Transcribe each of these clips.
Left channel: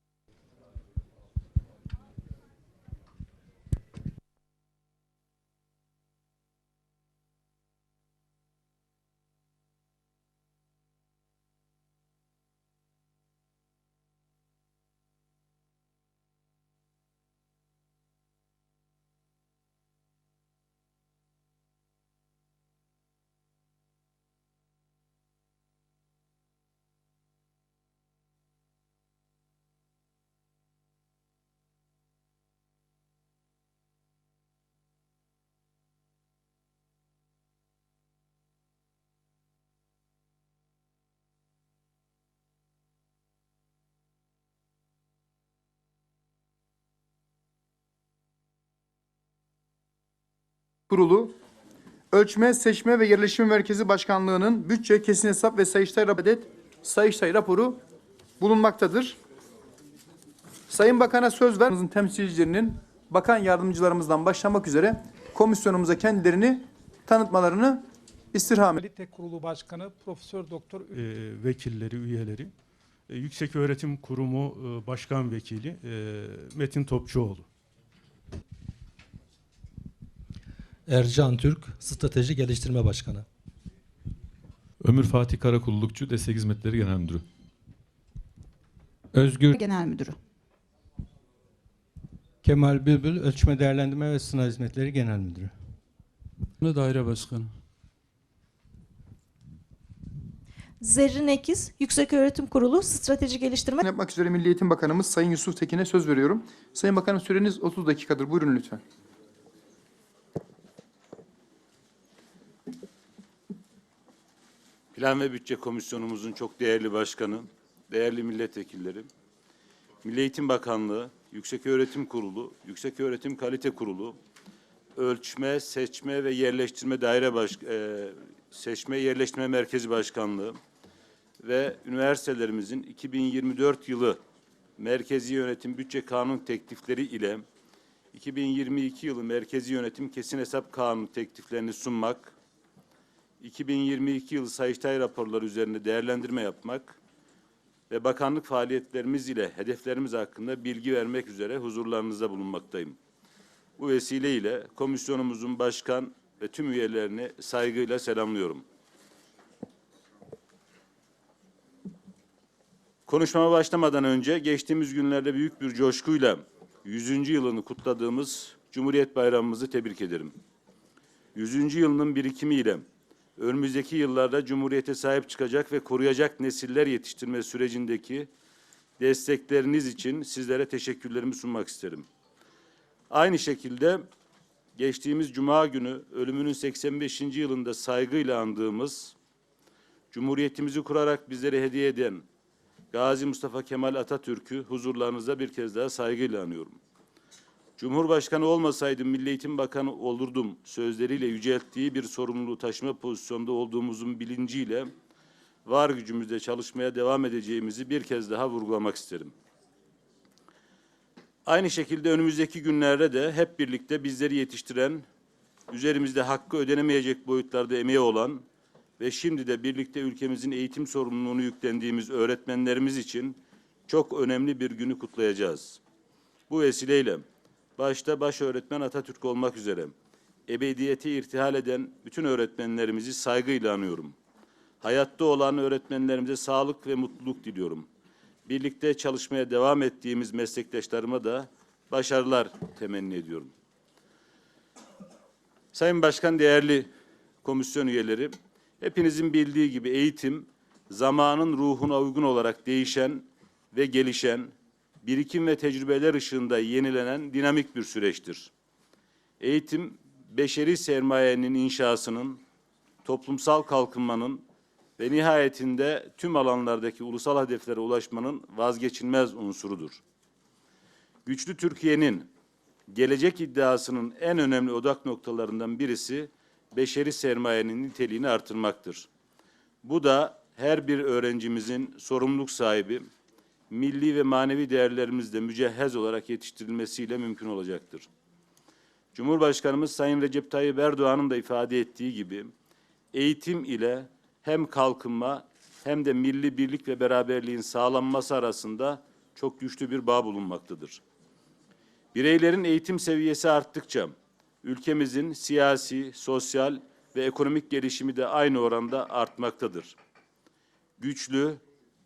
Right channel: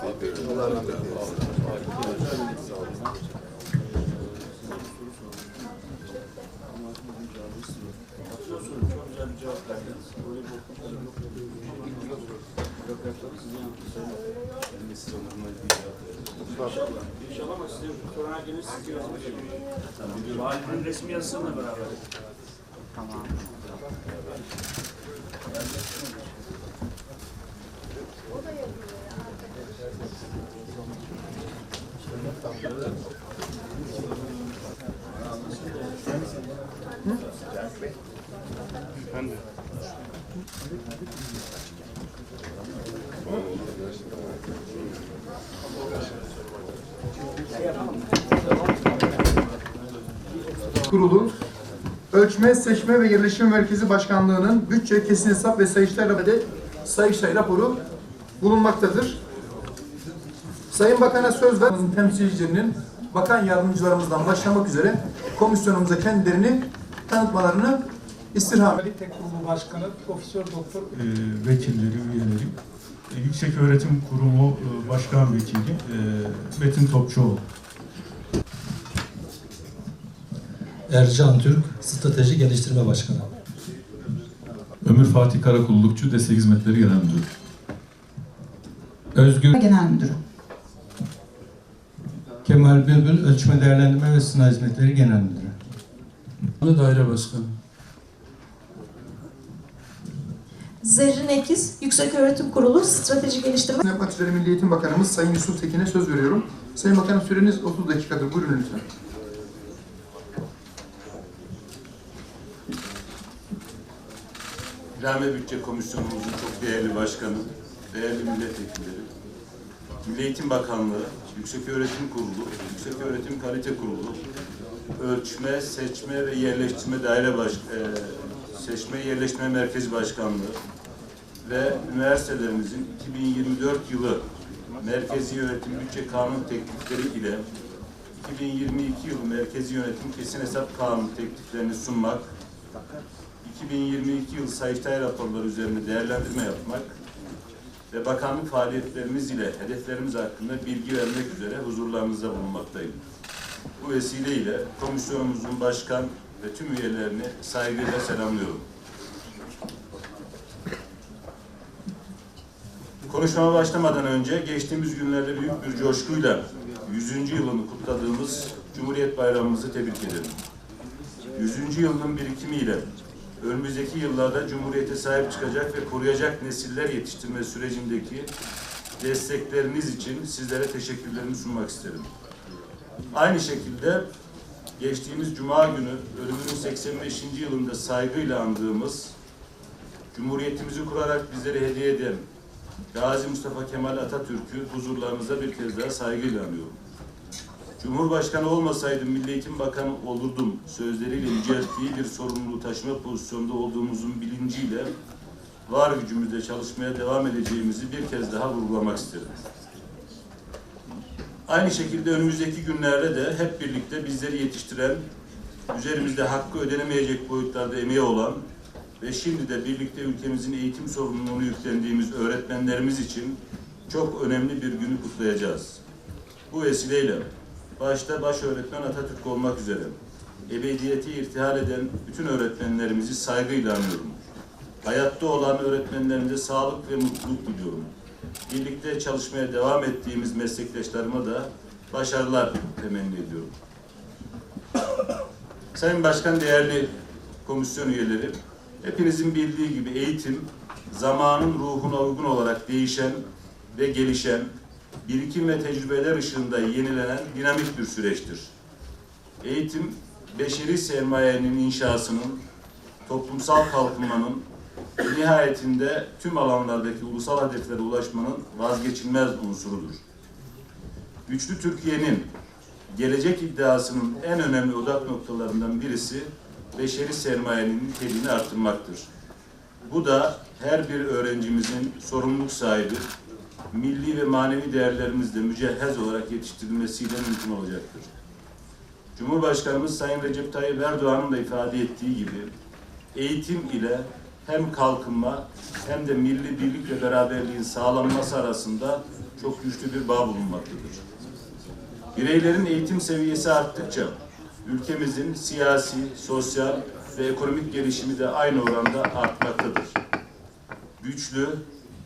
Allah rahmet eylesin. İnşallah ama sizin korona gelir siz görürsünüz. Valinin resmi yazısıyla beraber. Kurulu Ölçme, Seçme ve Yerleşim Merkezi Başkanlığı'nın bütçe, kesin hesap ve sayıştay raporu, sayıştay raporu bulunmaktadır. Sayın Bakan'a söz ver. Temsilcilerinin bakan yardımcılarımızdan başlamak üzere komisyonumuza kendilerini tanıtmalarını istirham ediyorum. Kalite Kurumu Başkanı Profesör Doktor e, vekilleri, üyeleri, e, Yüksek Öğretim Kurumu e, Başkan Vekili e, Metin Topçuoğlu. Ercan Türk, Strateji Geliştirme Başkanı. Ömür Fatih Karakullukçu, Destek Hizmetleri Genel Müdürü. Özgür Genel Müdürü. Kemal Bülbül, Ölçme Değerlendirme ve Sınav Hizmetleri Genel Müdürü. Daire Başkanı. Zerrin Ekiz, Yükseköğretim Kurulu Strateji Geliştirme Yapmak üzere Milli Eğitim Bakanımız Sayın Yusuf Tekin'e söz veriyorum. Sayın Bakanım süreniz 30 dakikadır. Buyurun lütfen. Plan ve Bütçe Komisyonumuzun çok değerli başkanı, değerli milletvekilleri, Milli Eğitim Bakanlığı, Yükseköğretim Kurulu, Yükseköğretim Kalite Kurulu, Ölçme, Seçme ve Yerleştirme Daire Baş, e, Seçme Yerleştirme Merkezi Başkanlığı ve üniversitelerimizin 2024 yılı Merkezi Yönetim Bütçe Kanun teklifleri ile 2022 yılı Merkezi Yönetim Kesin Hesap Kanunu tekliflerini sunmak, 2022 yıl Sayıştay raporları üzerinde değerlendirme yapmak ve bakanlık faaliyetlerimiz ile hedeflerimiz hakkında bilgi vermek üzere huzurlarınızda bulunmaktayım. Bu vesileyle komisyonumuzun başkan ve tüm üyelerini saygıyla selamlıyorum. Konuşmama başlamadan önce geçtiğimiz günlerde büyük bir coşkuyla 100. yılını kutladığımız Cumhuriyet Bayramımızı tebrik ederim. 100. yılının birikimiyle önümüzdeki yıllarda Cumhuriyete sahip çıkacak ve koruyacak nesiller yetiştirme sürecindeki destekleriniz için sizlere teşekkürlerimi sunmak isterim. Aynı şekilde geçtiğimiz Cuma günü ölümünün 85. yılında saygıyla andığımız Cumhuriyetimizi kurarak bizlere hediye eden Gazi Mustafa Kemal Atatürk'ü huzurlarınıza bir kez daha saygıyla anıyorum. Cumhurbaşkanı olmasaydım Milli Eğitim Bakanı olurdum sözleriyle yücelttiği bir sorumluluğu taşıma pozisyonda olduğumuzun bilinciyle var gücümüzle çalışmaya devam edeceğimizi bir kez daha vurgulamak isterim. Aynı şekilde önümüzdeki günlerde de hep birlikte bizleri yetiştiren, üzerimizde hakkı ödenemeyecek boyutlarda emeği olan ve şimdi de birlikte ülkemizin eğitim sorumluluğunu yüklendiğimiz öğretmenlerimiz için çok önemli bir günü kutlayacağız. Bu vesileyle başta baş öğretmen Atatürk olmak üzere ebediyete irtihal eden bütün öğretmenlerimizi saygıyla anıyorum. Hayatta olan öğretmenlerimize sağlık ve mutluluk diliyorum. Birlikte çalışmaya devam ettiğimiz meslektaşlarıma da başarılar temenni ediyorum. Sayın Başkan, değerli komisyon üyeleri, hepinizin bildiği gibi eğitim, zamanın ruhuna uygun olarak değişen ve gelişen, birikim ve tecrübeler ışığında yenilenen dinamik bir süreçtir. Eğitim, beşeri sermayenin inşasının, toplumsal kalkınmanın, nihayetinde tüm alanlardaki ulusal hedeflere ulaşmanın vazgeçilmez unsurudur. Güçlü Türkiye'nin gelecek iddiasının en önemli odak noktalarından birisi beşeri sermayenin niteliğini arttırmaktır. Bu da her bir öğrencimizin sorumluluk sahibi, milli ve manevi değerlerimizle mücehhez olarak yetiştirilmesiyle mümkün olacaktır. Cumhurbaşkanımız Sayın Recep Tayyip Erdoğan'ın da ifade ettiği gibi eğitim ile hem kalkınma hem de milli birlik ve beraberliğin sağlanması arasında çok güçlü bir bağ bulunmaktadır. Bireylerin eğitim seviyesi arttıkça ülkemizin siyasi, sosyal ve ekonomik gelişimi de aynı oranda artmaktadır. Güçlü,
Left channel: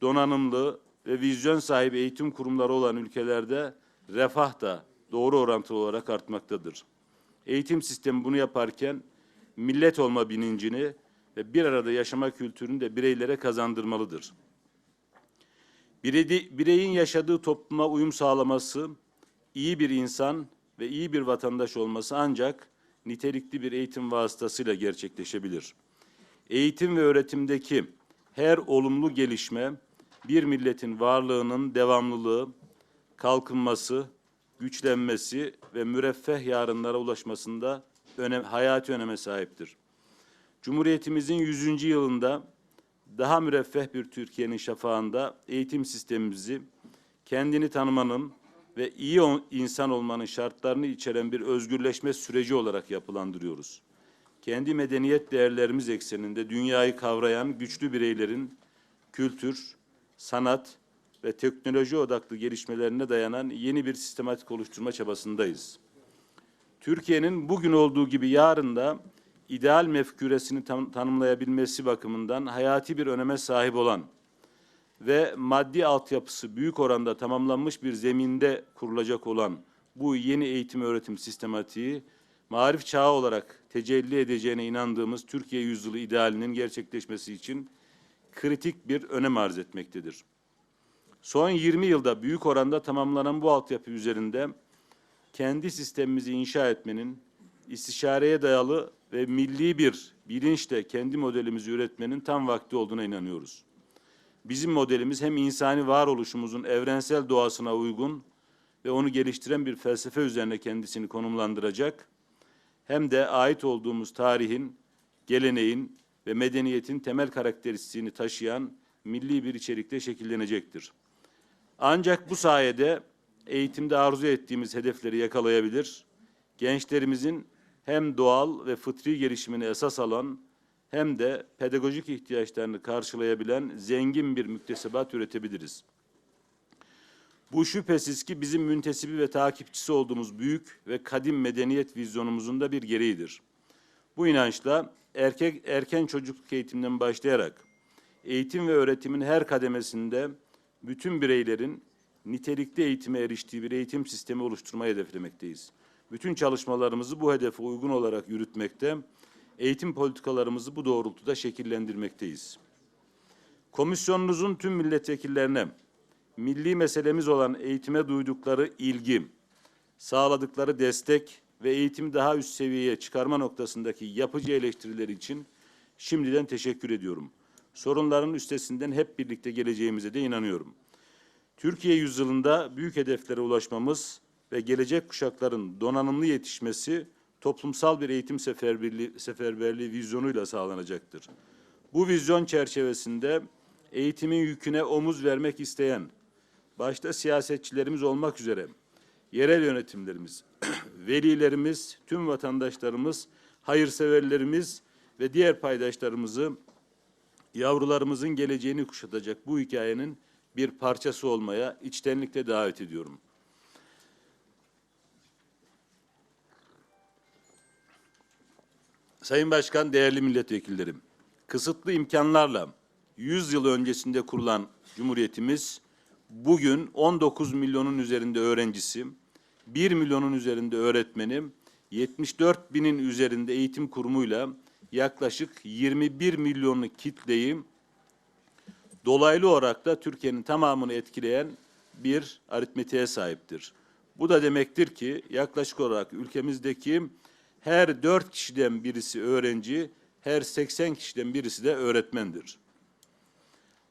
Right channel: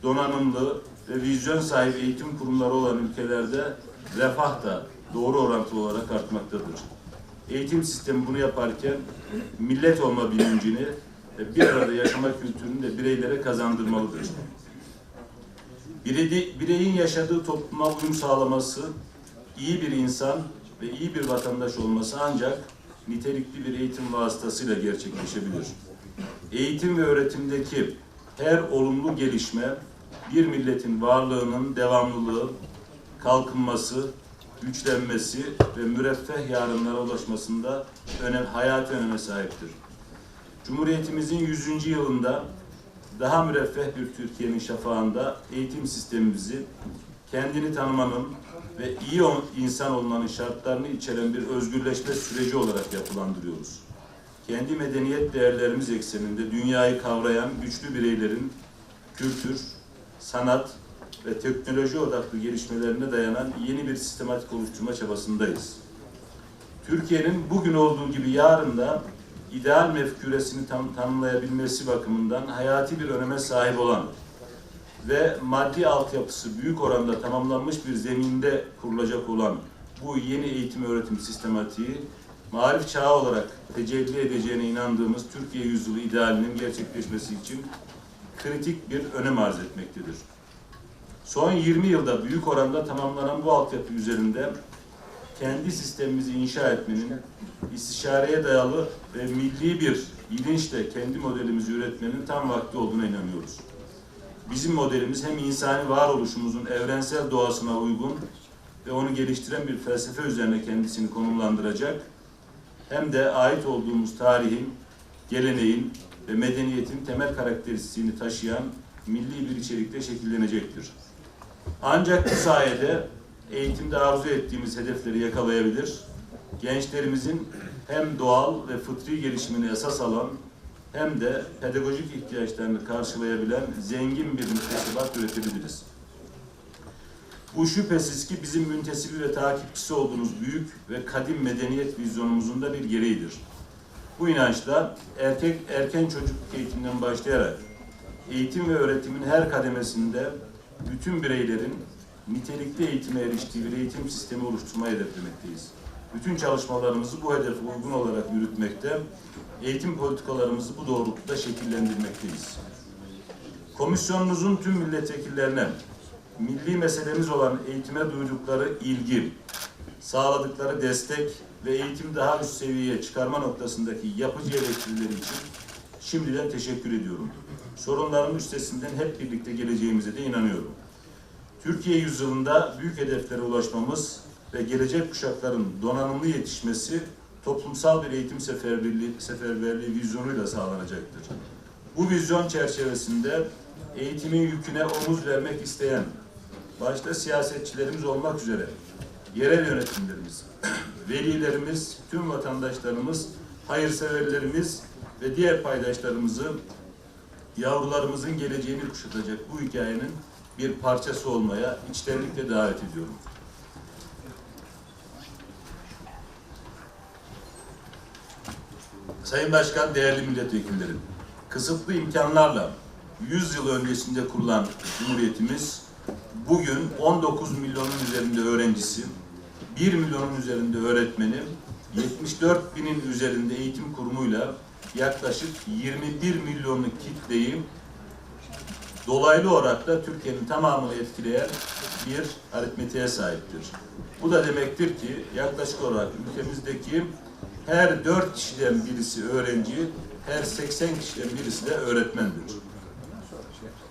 donanımlı ve vizyon sahibi eğitim kurumları olan ülkelerde refah da doğru orantılı olarak artmaktadır. Eğitim sistemi bunu yaparken millet olma bilincini bir arada yaşama kültürünü de bireylere kazandırmalıdır. Birey- Bireyin yaşadığı topluma uyum sağlaması, iyi bir insan ve iyi bir vatandaş olması ancak nitelikli bir eğitim vasıtasıyla gerçekleşebilir. Eğitim ve öğretimdeki her olumlu gelişme bir milletin varlığının devamlılığı, kalkınması, güçlenmesi ve müreffeh yarınlara ulaşmasında önem, hayati öneme sahiptir. Cumhuriyetimizin 100. yılında daha müreffeh bir Türkiye'nin şafağında eğitim sistemimizi kendini tanımanın ve iyi insan olmanın şartlarını içeren bir özgürleşme süreci olarak yapılandırıyoruz. Kendi medeniyet değerlerimiz ekseninde dünyayı kavrayan güçlü bireylerin kültür, sanat ve teknoloji odaklı gelişmelerine dayanan yeni bir sistematik oluşturma çabasındayız. Türkiye'nin bugün olduğu gibi yarın da ideal mefküresini tam, tanımlayabilmesi bakımından hayati bir öneme sahip olan ve maddi altyapısı büyük oranda tamamlanmış bir zeminde kurulacak olan bu yeni eğitim öğretim sistematiği marif çağı olarak tecelli edeceğine inandığımız Türkiye yüzyılı idealinin gerçekleşmesi için kritik bir önem arz etmektedir. Son 20 yılda büyük oranda tamamlanan bu altyapı üzerinde kendi sistemimizi inşa etmenin istişareye dayalı ve milli bir bilinçle kendi modelimizi üretmenin tam vakti olduğuna inanıyoruz. Bizim modelimiz hem insani varoluşumuzun evrensel doğasına uygun ve onu geliştiren bir felsefe üzerine kendisini konumlandıracak hem de ait olduğumuz tarihin, geleneğin ve medeniyetin temel karakteristiğini taşıyan milli bir içerikte şekillenecektir. Ancak bu sayede eğitimde arzu ettiğimiz hedefleri yakalayabilir, gençlerimizin hem doğal ve fıtri gelişimini esas alan hem de pedagojik ihtiyaçlarını karşılayabilen zengin bir müktesebat üretebiliriz. Bu şüphesiz ki bizim müntesibi ve takipçisi olduğumuz büyük ve kadim medeniyet vizyonumuzun da bir gereğidir. Bu inançla erkek erken çocukluk eğitiminden başlayarak eğitim ve öğretimin her kademesinde bütün bireylerin nitelikli eğitime eriştiği bir eğitim sistemi oluşturmayı hedeflemekteyiz. Bütün çalışmalarımızı bu hedefe uygun olarak yürütmekte, eğitim politikalarımızı bu doğrultuda şekillendirmekteyiz. Komisyonunuzun tüm milletvekillerine milli meselemiz olan eğitime duydukları ilgi, sağladıkları destek ve eğitim daha üst seviyeye çıkarma noktasındaki yapıcı eleştirileri için şimdiden teşekkür ediyorum. Sorunların üstesinden hep birlikte geleceğimize de inanıyorum. Türkiye yüzyılında büyük hedeflere ulaşmamız ve gelecek kuşakların donanımlı yetişmesi toplumsal bir eğitim seferberliği, seferberliği vizyonuyla sağlanacaktır. Bu vizyon çerçevesinde eğitimin yüküne omuz vermek isteyen, başta siyasetçilerimiz olmak üzere yerel yönetimlerimiz, velilerimiz, tüm vatandaşlarımız, hayırseverlerimiz ve diğer paydaşlarımızı yavrularımızın geleceğini kuşatacak bu hikayenin bir parçası olmaya içtenlikle davet ediyorum. Sayın Başkan, değerli milletvekillerim, kısıtlı imkanlarla 100 yıl öncesinde kurulan Cumhuriyetimiz bugün 19 milyonun üzerinde öğrencisi, 1 milyonun üzerinde öğretmeni, 74 binin üzerinde eğitim kurumuyla yaklaşık 21 milyonluk kitleyi dolaylı olarak da Türkiye'nin tamamını etkileyen bir aritmetiğe sahiptir. Bu da demektir ki yaklaşık olarak ülkemizdeki her dört kişiden birisi öğrenci, her 80 kişiden birisi de öğretmendir.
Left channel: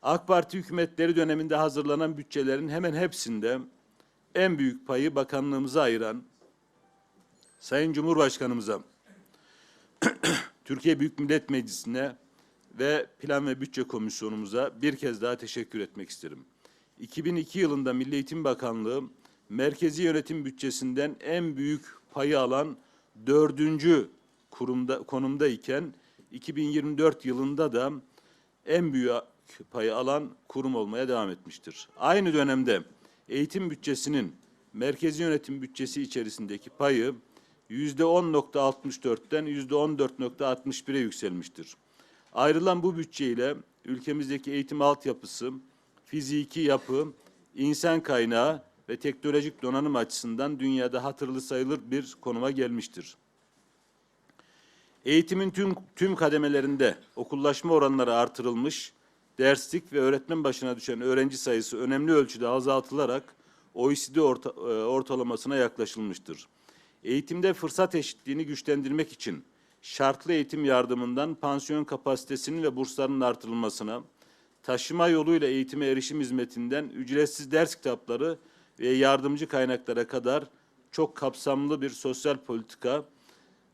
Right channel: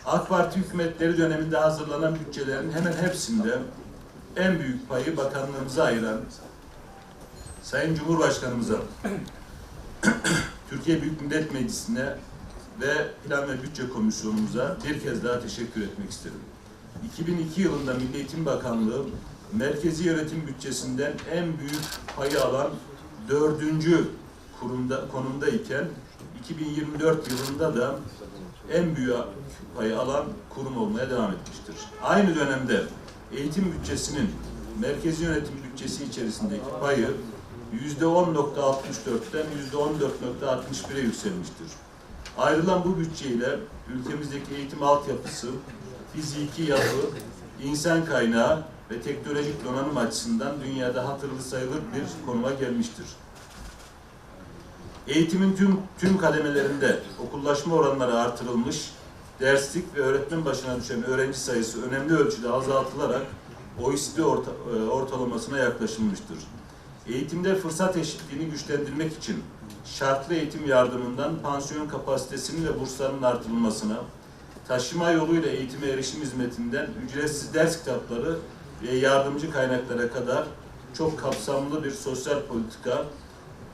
AK Parti hükümetleri döneminde hazırlanan bütçelerin hemen hepsinde en büyük payı bakanlığımıza ayıran Sayın Cumhurbaşkanımıza, Türkiye Büyük Millet Meclisi'ne ve Plan ve Bütçe Komisyonumuza bir kez daha teşekkür etmek isterim. 2002 yılında Milli Eğitim Bakanlığı merkezi yönetim bütçesinden en büyük payı alan dördüncü kurumda, konumda iken 2024 yılında da en büyük payı alan kurum olmaya devam etmiştir. Aynı dönemde eğitim bütçesinin merkezi yönetim bütçesi içerisindeki payı %10.64'ten %14.61'e yükselmiştir. Ayrılan bu bütçeyle ülkemizdeki eğitim altyapısı, fiziki yapı, insan kaynağı ve teknolojik donanım açısından dünyada hatırlı sayılır bir konuma gelmiştir. Eğitimin tüm, tüm kademelerinde okullaşma oranları artırılmış, derslik ve öğretmen başına düşen öğrenci sayısı önemli ölçüde azaltılarak OECD orta, e, ortalamasına yaklaşılmıştır. Eğitimde fırsat eşitliğini güçlendirmek için şartlı eğitim yardımından pansiyon kapasitesinin ve burslarının artırılmasına, taşıma yoluyla eğitime erişim hizmetinden ücretsiz ders kitapları ve yardımcı kaynaklara kadar çok kapsamlı bir sosyal politika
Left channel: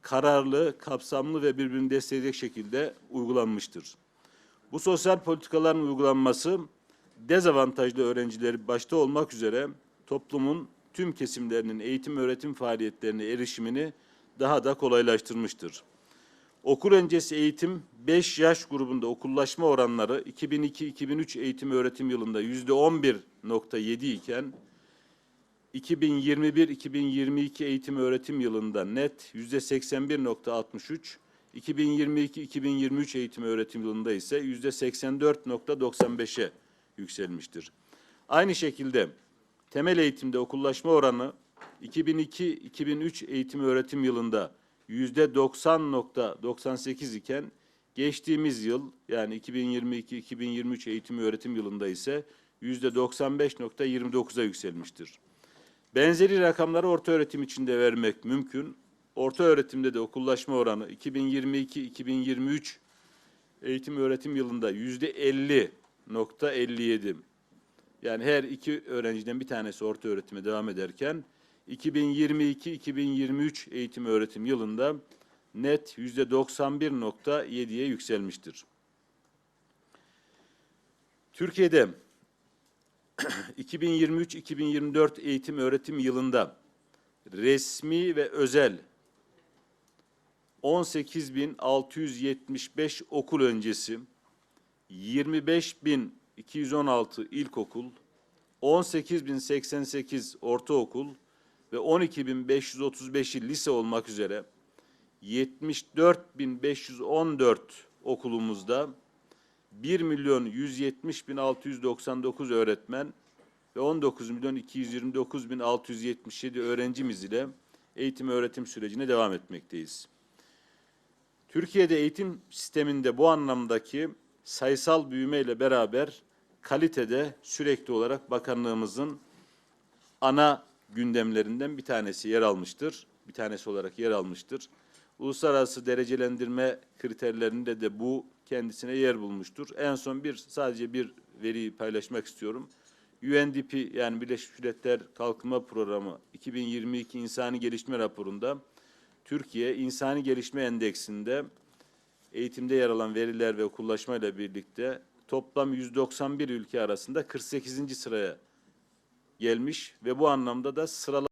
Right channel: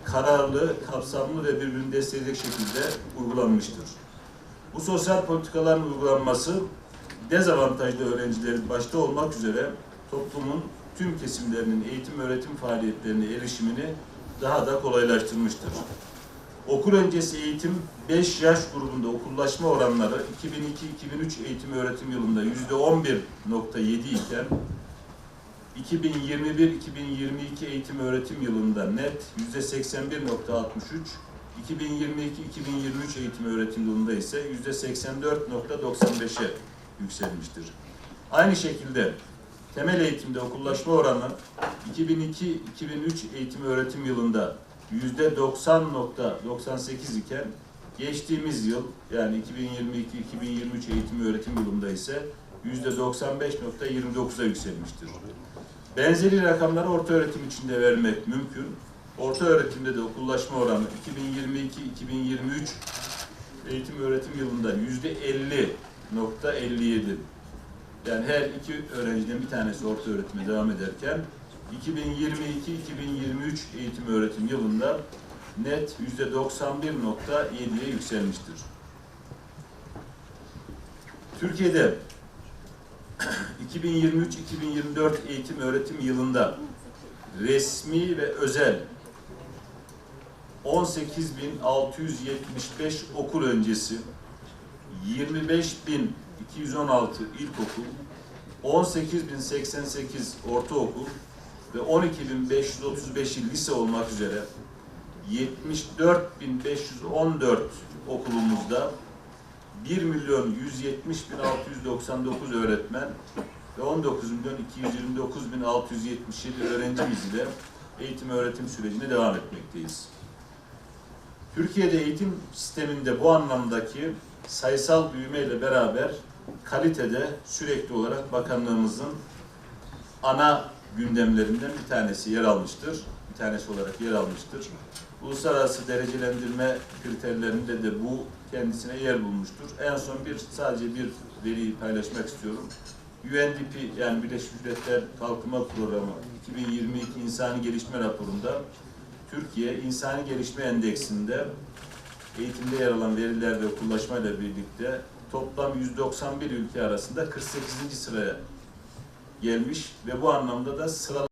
kararlı, kapsamlı ve birbirini destekleyecek şekilde uygulanmıştır. Bu sosyal politikaların uygulanması dezavantajlı öğrencilerin başta olmak üzere toplumun tüm kesimlerinin eğitim öğretim faaliyetlerine erişimini daha da kolaylaştırmıştır. Okul öncesi eğitim 5 yaş grubunda okullaşma oranları 2002-2003 eğitim öğretim yılında %11.7 iken 2021-2022 eğitim öğretim yılında net %81.63, 2022-2023 eğitim öğretim yılında ise %84.95'e yükselmiştir. Aynı şekilde temel eğitimde okullaşma oranı 2002-2003 eğitim öğretim yılında %90.98 iken geçtiğimiz yıl yani 2022-2023 eğitim öğretim yılında ise %95.29'a yükselmiştir. Benzeri rakamları orta öğretim içinde vermek mümkün. Orta öğretimde de okullaşma oranı 2022-2023 eğitim öğretim yılında %50.57 yani her iki öğrenciden bir tanesi orta öğretime devam ederken 2022-2023 eğitim öğretim yılında net %91.7'ye yükselmiştir. Türkiye'de 2023-2024 eğitim öğretim yılında resmi ve özel 18.675 okul öncesi 25.216 ilkokul 18.088 ortaokul ve 12.535'i lise olmak üzere 74.514 okulumuzda 1 milyon 170 bin 699 öğretmen ve 19 milyon 229 bin 677 öğrencimiz ile eğitim öğretim sürecine devam etmekteyiz. Türkiye'de eğitim sisteminde bu anlamdaki sayısal büyümeyle beraber kalitede sürekli olarak bakanlığımızın ana gündemlerinden bir tanesi yer almıştır. Bir tanesi olarak yer almıştır. Uluslararası derecelendirme kriterlerinde de bu kendisine yer bulmuştur. En son bir sadece bir veriyi paylaşmak istiyorum. UNDP yani Birleşmiş Milletler Kalkınma Programı 2022 İnsani Gelişme Raporu'nda Türkiye İnsani Gelişme Endeksinde eğitimde yer alan veriler ve okullaşmayla birlikte toplam 191 ülke arasında 48. sıraya gelmiş ve bu anlamda da sıralama